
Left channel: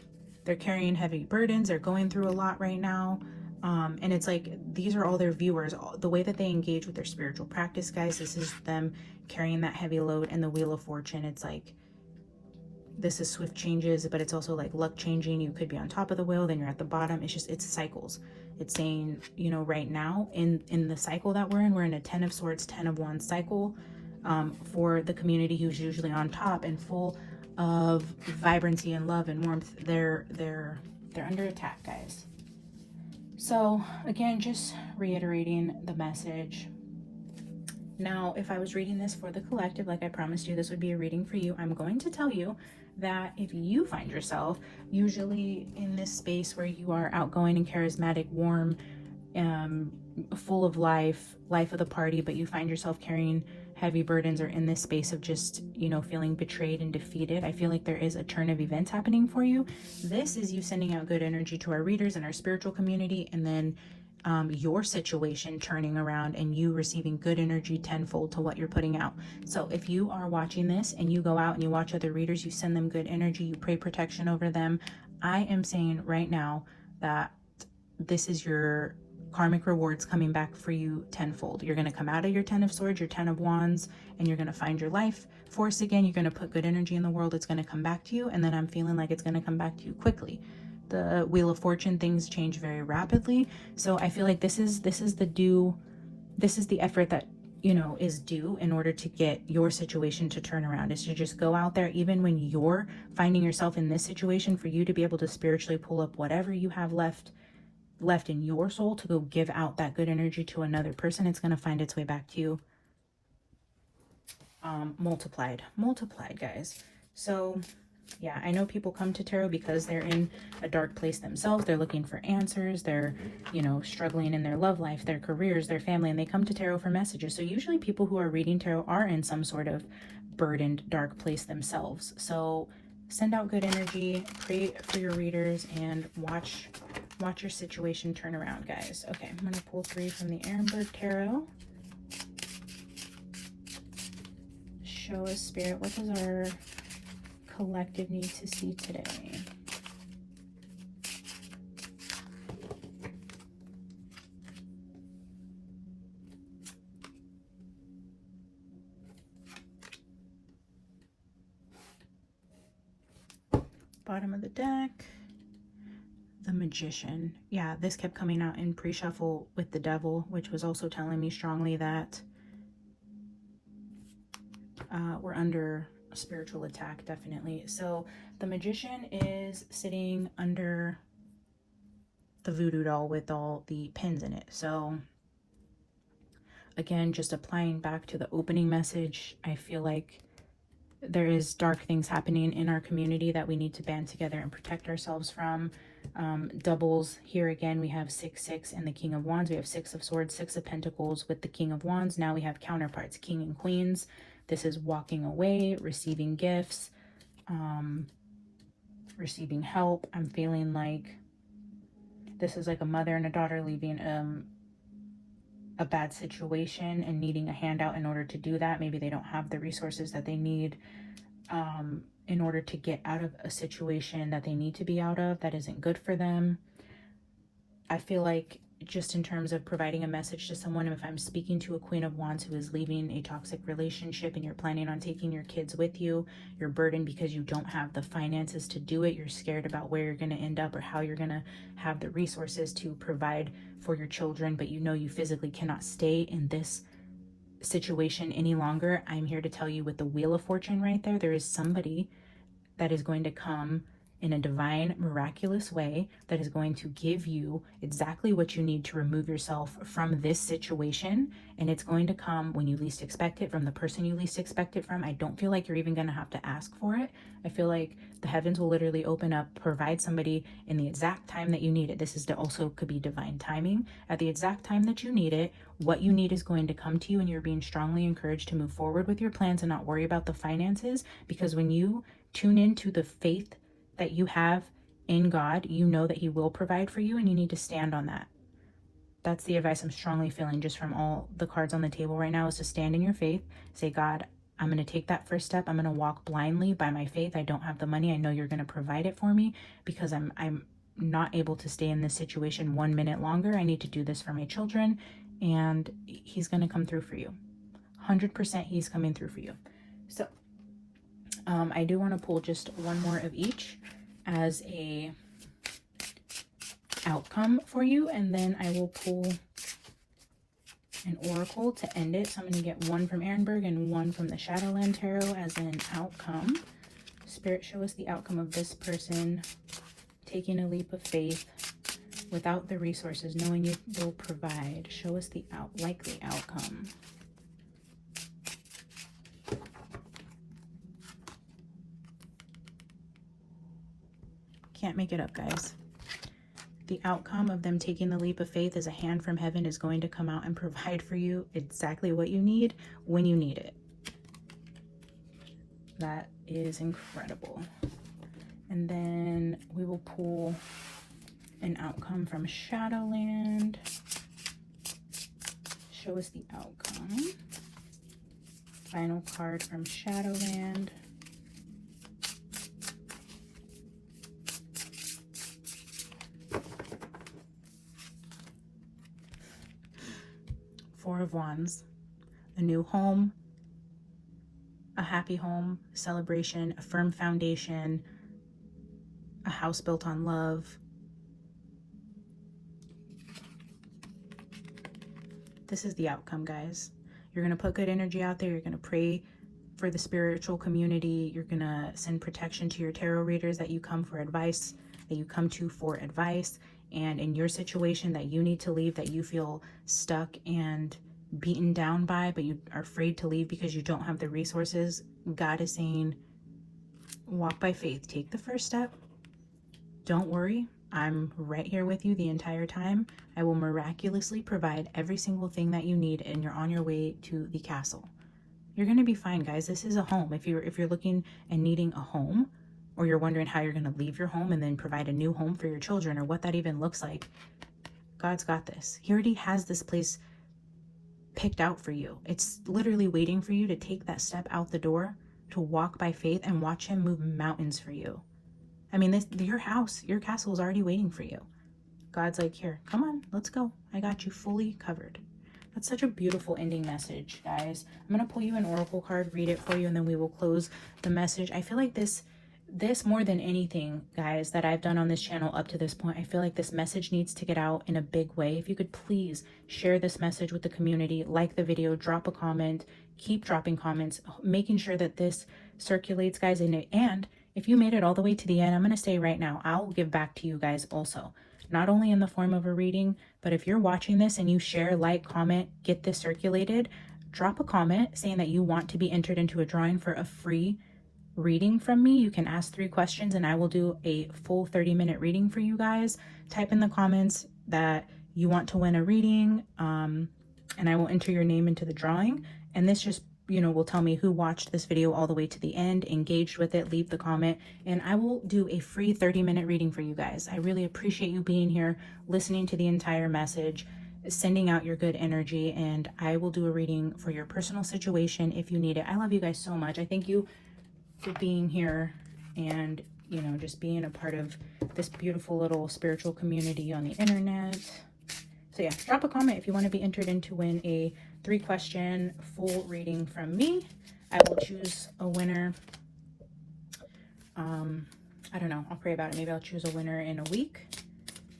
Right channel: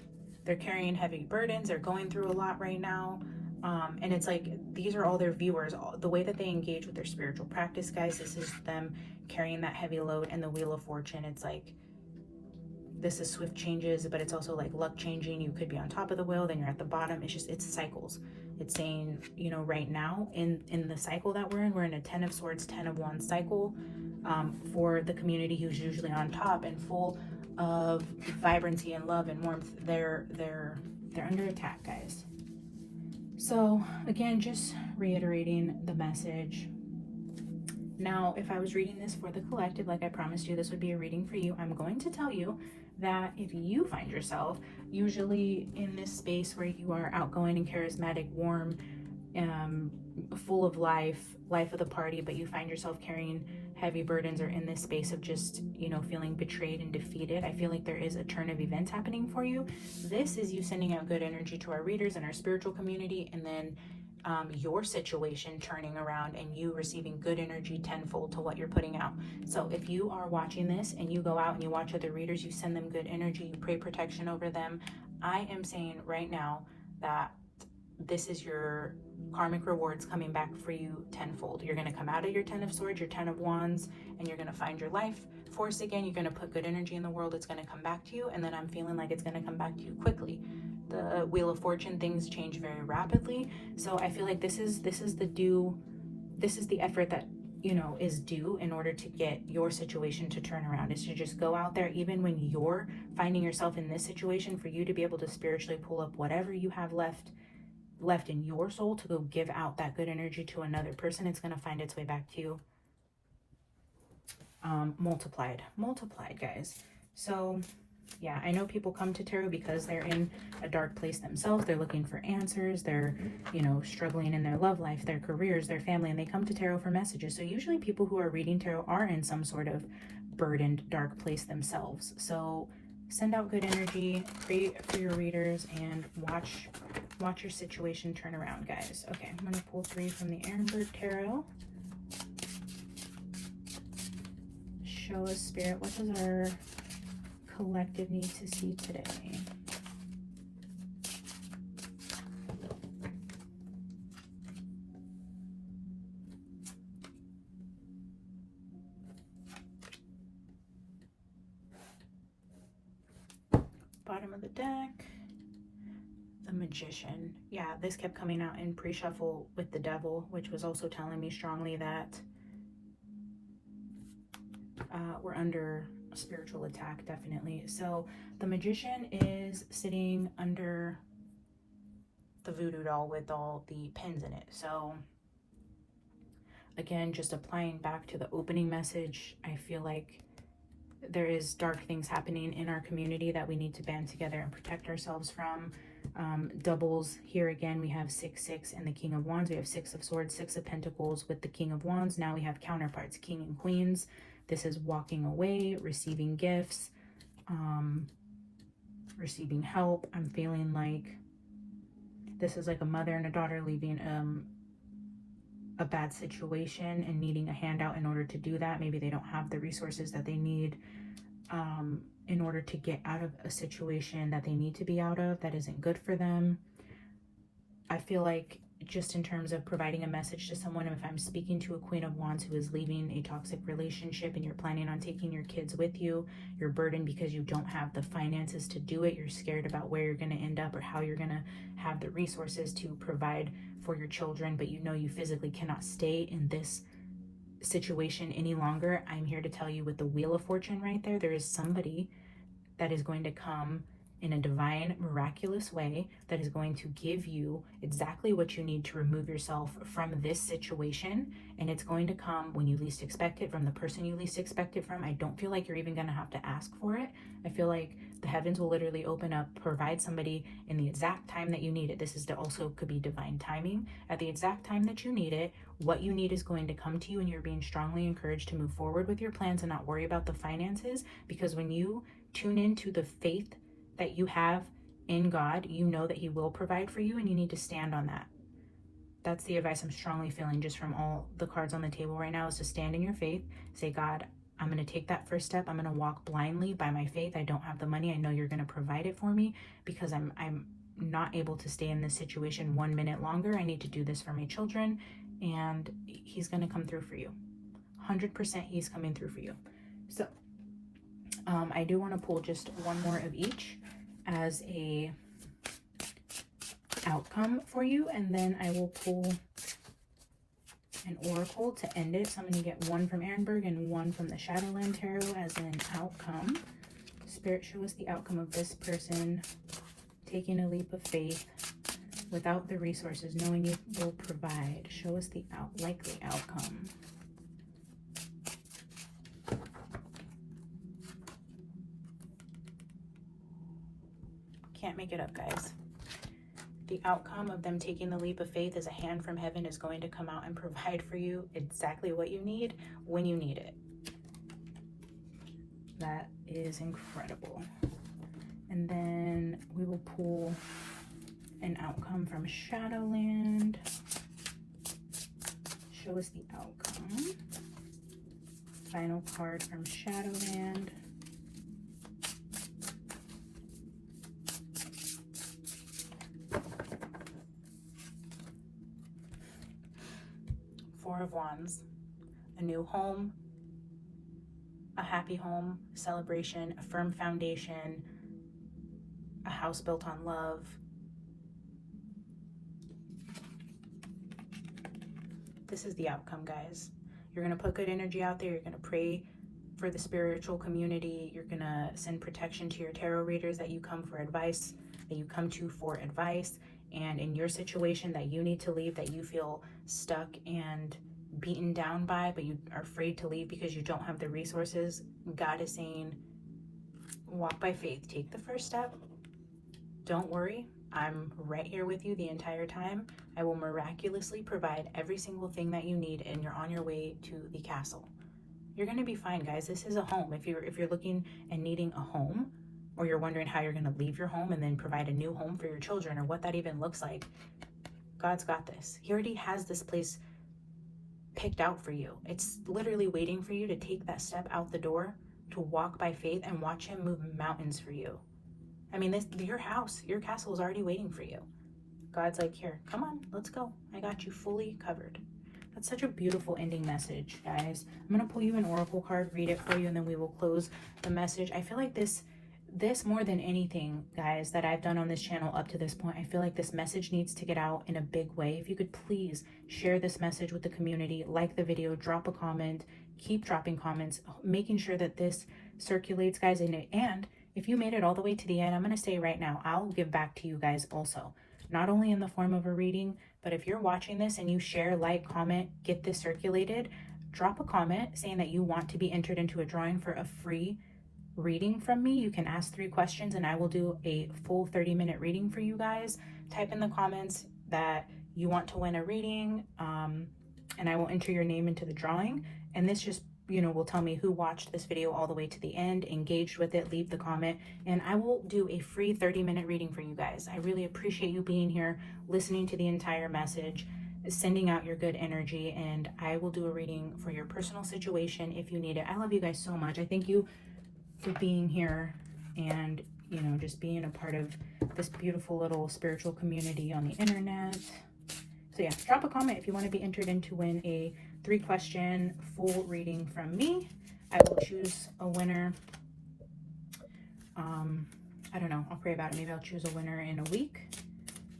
They're carrying heavy burdens. They're going through a lot right now. And it's like, these are all their viewers, the way that they engage with their spiritual practice, guys. This is them carrying that heavy load. And the Wheel of Fortune, it's like this is swift changes, but it's also like luck changing. You could be on top of the wheel, then you're at the bottom. It's just, it's cycles. It's saying, you know, right now in the cycle that we're in a 10 of Swords, 10 of Wands cycle. For the community who's usually on top and full of vibrancy and love and warmth, they're under attack, guys. So again, just reiterating the message. Now, if I was reading this for the collective, like I promised you, this would be a reading for you. I'm going to tell you that if you find yourself usually in this space where you are outgoing and charismatic, warm, full of life of the party, but you find yourself carrying heavy burdens or in this space of just, you know, feeling betrayed and defeated, I feel like there is a turn of events happening for you. This is you sending out good energy to our readers and our spiritual community, and then your situation turning around and you receiving good energy tenfold to what you're putting out. So if you are watching this and you go out and you watch other readers, you send them good energy, you pray protection over them, I am saying right now that this is your karmic rewards coming back for you tenfold. You're going to come out of your 10 of Swords, your 10 of Wands, and you're going to find your life force again. You're going to put good energy in the world. It's going to come back to you, and then I'm feeling like it's going to come back to you quickly. The Wheel of Fortune, things change very rapidly, so I feel like this is the effort that, you know, is due in order to get your situation to turn around, is to just go out there, even when you're finding yourself in this situation, for you to be able to spiritually pull up whatever you have left in your soul to go give out that good energy to another person. It's going to find its way back to you multiplied, guys. So yeah, I know people come to tarot because they're in a dark place themselves. They're looking for answers. They're, you know, struggling in their love life, their careers, their family, and they come to tarot for messages. So usually people who are reading tarot are in some sort of burdened, dark place themselves. So send out good energy, pray for your readers, and watch your situation turn around, guys. Okay, I'm gonna pull 3 from the Ehrenberg Tarot. Show us, Spirit, what does our collective need to see today? Bottom of the deck, the Magician. Yeah, this kept coming out in pre-shuffle with the Devil, which was also telling me strongly that we're under a spiritual attack, definitely. So the Magician is sitting under the voodoo doll with all the pins in it. So again, just applying back to the opening message, I feel like there is dark things happening in our community that we need to band together and protect ourselves from. Doubles here again, we have 6, 6 and the King of Wands. We have 6 of Swords, 6 of Pentacles with the King of Wands. Now we have counterparts, King and Queens. This is walking away, receiving gifts, receiving help. I'm feeling like this is like a mother and a daughter leaving a bad situation and needing a handout in order to do that. Maybe they don't have the resources that they need in order to get out of a situation that they need to be out of that isn't good for them. I feel like just in terms of providing a message to someone, if I'm speaking to a Queen of Wands who is leaving a toxic relationship and you're planning on taking your kids with you, you're burdened because you don't have the finances to do it, you're scared about where you're going to end up or how you're going to have the resources to provide for your children, but you know you physically cannot stay in this situation any longer. I'm here to tell you, with the Wheel of Fortune right there, there is somebody that is going to come in a divine, miraculous way that is going to give you exactly what you need to remove yourself from this situation. And it's going to come when you least expect it, from the person you least expect it from. I don't feel like you're even going to have to ask for it. I feel like the heavens will literally open up, provide somebody in the exact time that you need it. This is also could be divine timing. At the exact time that you need it, what you need is going to come to you, and you're being strongly encouraged to move forward with your plans and not worry about the finances, because when you tune into the faith that you have in God, you know that He will provide for you, and you need to stand on that. That's the advice I'm strongly feeling just from all the cards on the table right now, is to stand in your faith. Say, God, I'm going to take that first step. I'm going to walk blindly by my faith. I don't have the money. I know you're going to provide it for me, because I'm not able to stay in this situation 1 minute longer. I need to do this for my children, and He's going to come through for you. 100% He's coming through for you. So I do want to pull just one more of each as a outcome for you, and then I will pull an oracle to end it. So I'm going to get one from Ehrenberg and one from the Shadowland Tarot as an outcome. Spirit, show us the outcome of this person taking a leap of faith without the resources, knowing you will provide. Show us the likely outcome. Can't make it up, guys. The outcome of them taking the leap of faith is a hand from heaven is going to come out and provide for you exactly what you need when you need it. That is incredible. And then we will pull an outcome from Shadowland. Show us the outcome. Final card from Shadowland. Four of Wands. A new home, a happy home, celebration, a firm foundation, a house built on love. This is the outcome, guys. You're going to put good energy out there. You're going to pray for the spiritual community. You're going to send protection to your tarot readers that you come for advice, that you come to for advice. And in your situation that you need to leave, that you feel stuck and beaten down by, but you are afraid to leave because you don't have the resources, God is saying, walk by faith. Take the first step. Don't worry. I'm right here with you the entire time. I will miraculously provide every single thing that you need, and you're on your way to the castle. You're going to be fine, guys. This is a home. If you're looking and needing a home, or you're wondering how you're going to leave your home and then provide a new home for your children, or what that even looks like, God's got this. He already has this place picked out for you. It's literally waiting for you to take that step out the door, to walk by faith and watch him move mountains for you. I mean, your house, your castle is already waiting for you. God's like, here, come on, let's go. I got you fully covered. That's such a beautiful ending message, guys. I'm going to pull you an oracle card, read it for you, and then we will close the message. I feel like this more than anything, guys, that I've done on this channel up to this point, I feel like this message needs to get out in a big way. If you could please share this message with the community, like the video, drop a comment, keep dropping comments, making sure that this circulates, guys. And if you made it all the way to the end, I'm going to say right now, I'll give back to you guys also, not only in the form of a reading, but if you're watching this and you share, like, comment, get this circulated, drop a comment saying that you want to be entered into a drawing for a free reading from me. You can ask 3 questions and I will do a full 30-minute reading for you guys. Type in the comments that you want to win a reading, and I will enter your name into the drawing. And this just, will tell me who watched this video all the way to the end, engaged with it, leave the comment, and I will do a free 30-minute reading for you guys. I really appreciate you being here, listening to the entire message, sending out your good energy, and I will do a reading for your personal situation if you need it. I love you guys so much. I thank you for being here and, just being a part of this beautiful little spiritual community on the internet. So yeah, drop a comment if you want to be entered in to win a 3-question full reading from me. I will choose a winner. I don't know. I'll pray about it. Maybe I'll choose a winner in a week.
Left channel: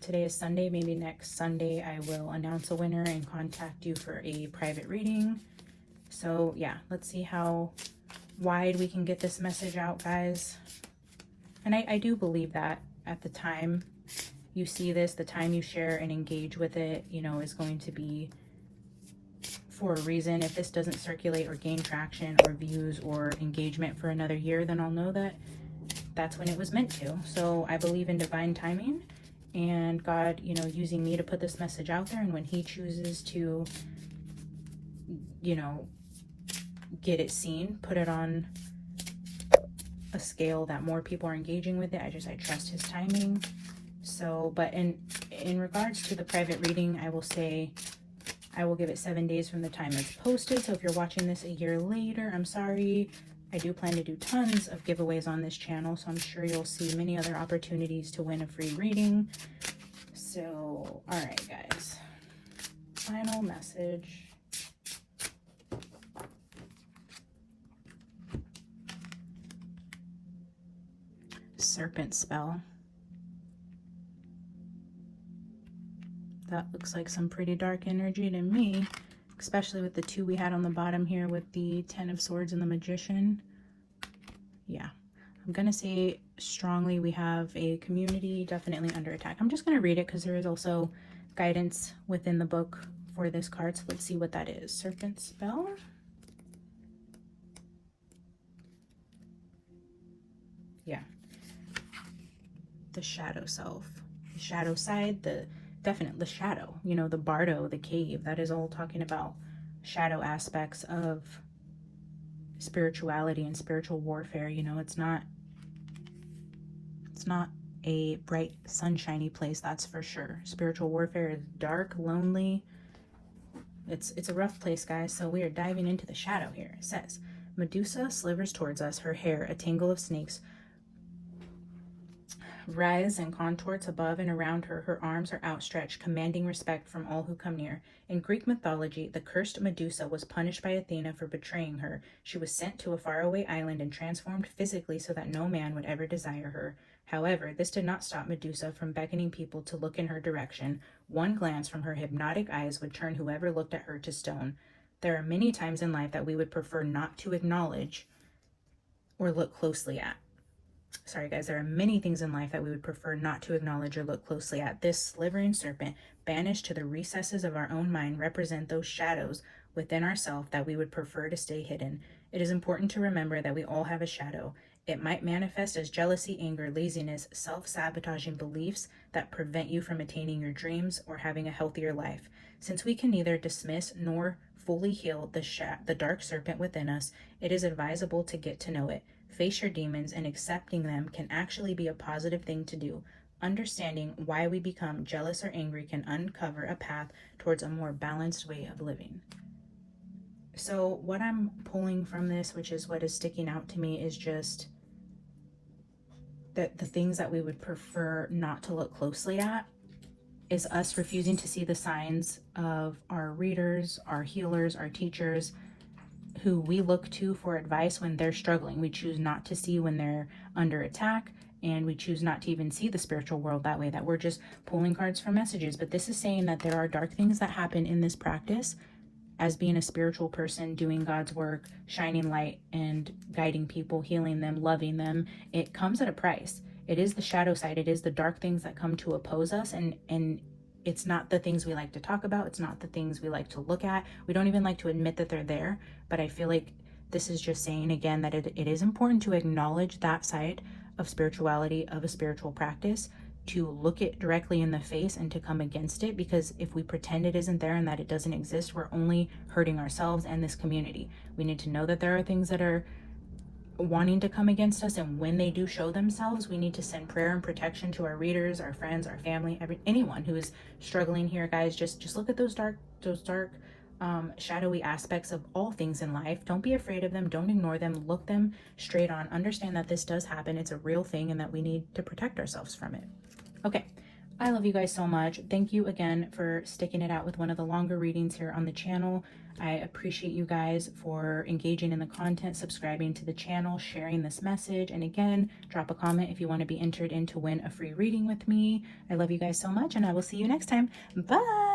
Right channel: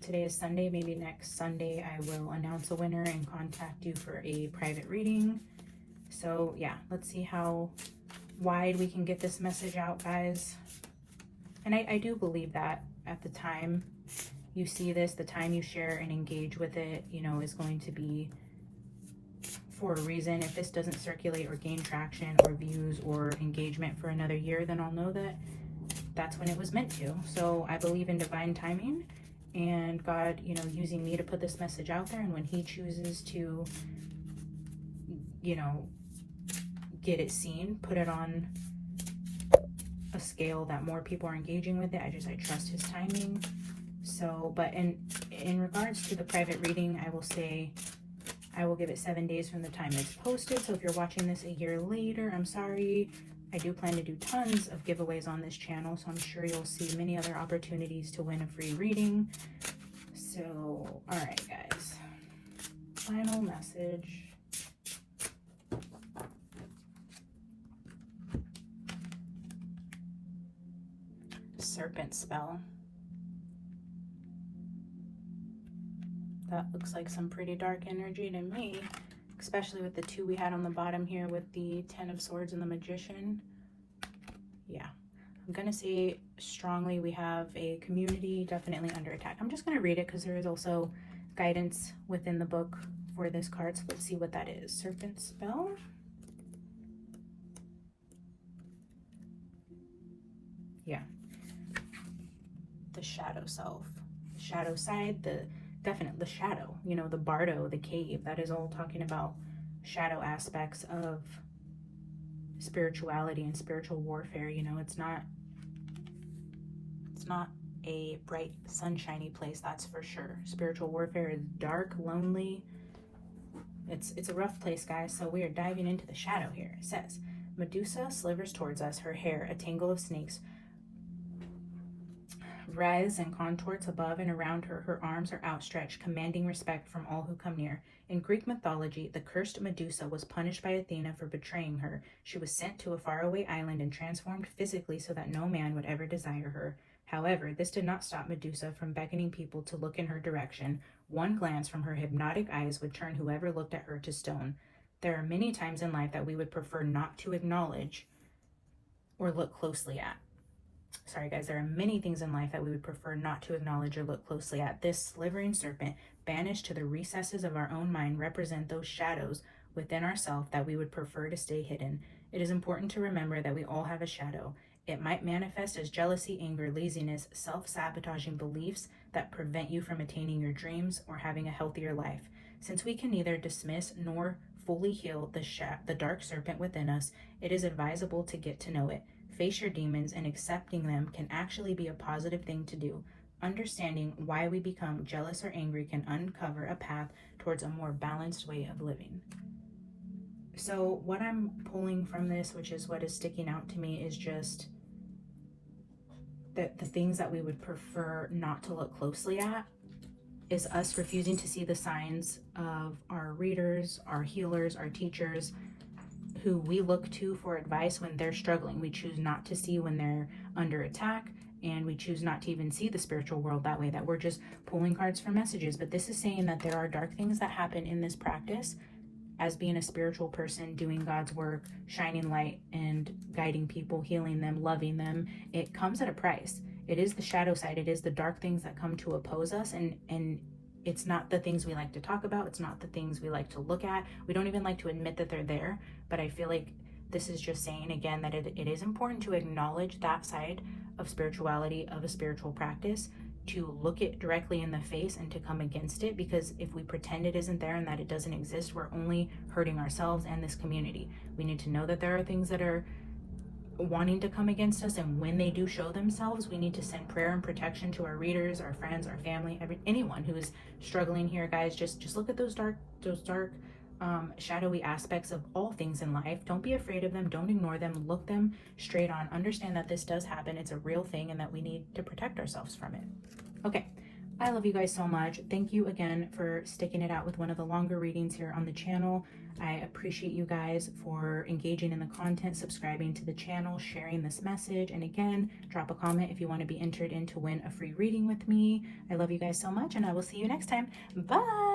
Today is Sunday. Maybe next Sunday I will announce a winner and contact you for a private reading. So yeah, let's see how wide we can get this message out, guys. And I do believe that at the time you see this, the time you share and engage with it, is going to be for a reason. If this doesn't circulate or gain traction or views or engagement for another year, then I'll know that that's when it was meant to. So I believe in divine timing and God, using me to put this message out there. And when he chooses to, get it seen, put it on a scale that more people are engaging with it, I trust his timing. So, but in regards to the private reading, I will say I will give it 7 days from the time it's posted. So if you're watching this a year later, I'm sorry. I do plan to do tons of giveaways on this channel, so I'm sure you'll see many other opportunities to win a free reading. So, all right, guys. Final message. Serpent spell. That looks like some pretty dark energy to me, especially with the 2 we had on the bottom here with the 10 of Swords and the Magician. Yeah, I'm gonna say strongly we have a community definitely under attack. I'm just gonna read it because there is also guidance within the book for this card. So let's see what that is. Serpent spell. Yeah. The shadow self, the shadow side, the shadow, you know, the bardo, the cave, that is all talking about shadow aspects of spirituality and spiritual warfare. You know, it's not a bright sunshiny place, that's for sure. Spiritual warfare is dark, lonely. It's a rough place, guys. So we are diving into the shadow here. It says, Medusa slivers towards us, her hair a tangle of snakes writhes and contorts above and around her. Her arms are outstretched, commanding respect from all who come near. In Greek mythology, the cursed Medusa was punished by Athena for betraying her. She was sent to a faraway island and transformed physically so that no man would ever desire her. However, this did not stop Medusa from beckoning people to look in her direction. One glance from her hypnotic eyes would turn whoever looked at her to stone. There are many times in life that we would prefer not to acknowledge or look closely at. Sorry guys, there are many things in life that we would prefer not to acknowledge or look closely at. This slivering serpent, banished to the recesses of our own mind, represent those shadows within ourselves that we would prefer to stay hidden. It is important to remember that we all have a shadow. It might manifest as jealousy, anger, laziness, self-sabotaging beliefs that prevent you from attaining your dreams or having a healthier life. Since we can neither dismiss nor fully heal the dark serpent within us, it is advisable to get to know it. Face your demons, and accepting them can actually be a positive thing to do. Understanding why we become jealous or angry can uncover a path towards a more balanced way of living. So what I'm pulling from this, which is what is sticking out to me, is just that the things that we would prefer not to look closely at is us refusing to see the signs of our readers, our healers, our teachers, who we look to for advice when they're struggling. We choose not to see when they're under attack, and we choose not to even see the spiritual world that way, that we're just pulling cards for messages. But this is saying that there are dark things that happen in this practice as being a spiritual person, doing God's work, shining light and guiding people, healing them, loving them. It comes at a price. It is the shadow side. It is the dark things that come to oppose us, and it's not the things we like to talk about. It's not the things we like to look at. We don't even like to admit that they're there. But I feel like this is just saying again that it is important to acknowledge that side of spirituality, of a spiritual practice, to look it directly in the face and to come against it. Because if we pretend it isn't there and that it doesn't exist, we're only hurting ourselves and this community. We need to know that there are things that are wanting to come against us, and when they do show themselves, we need to send prayer and protection to our readers, our friends, our family, anyone who is struggling here. Guys, just look at those dark shadowy aspects of all things in life. Don't be afraid of them. Don't ignore them. Look them straight on. Understand that this does happen. It's a real thing, and that we need to protect ourselves from it. Okay, I love you guys so much. Thank you again for sticking it out with one of the longer readings here on the channel. I appreciate you guys for engaging in the content, subscribing to the channel, sharing this message, and again, drop a comment if you want to be entered in to win a free reading with me. I love you guys so much, and I will see you next time. Bye!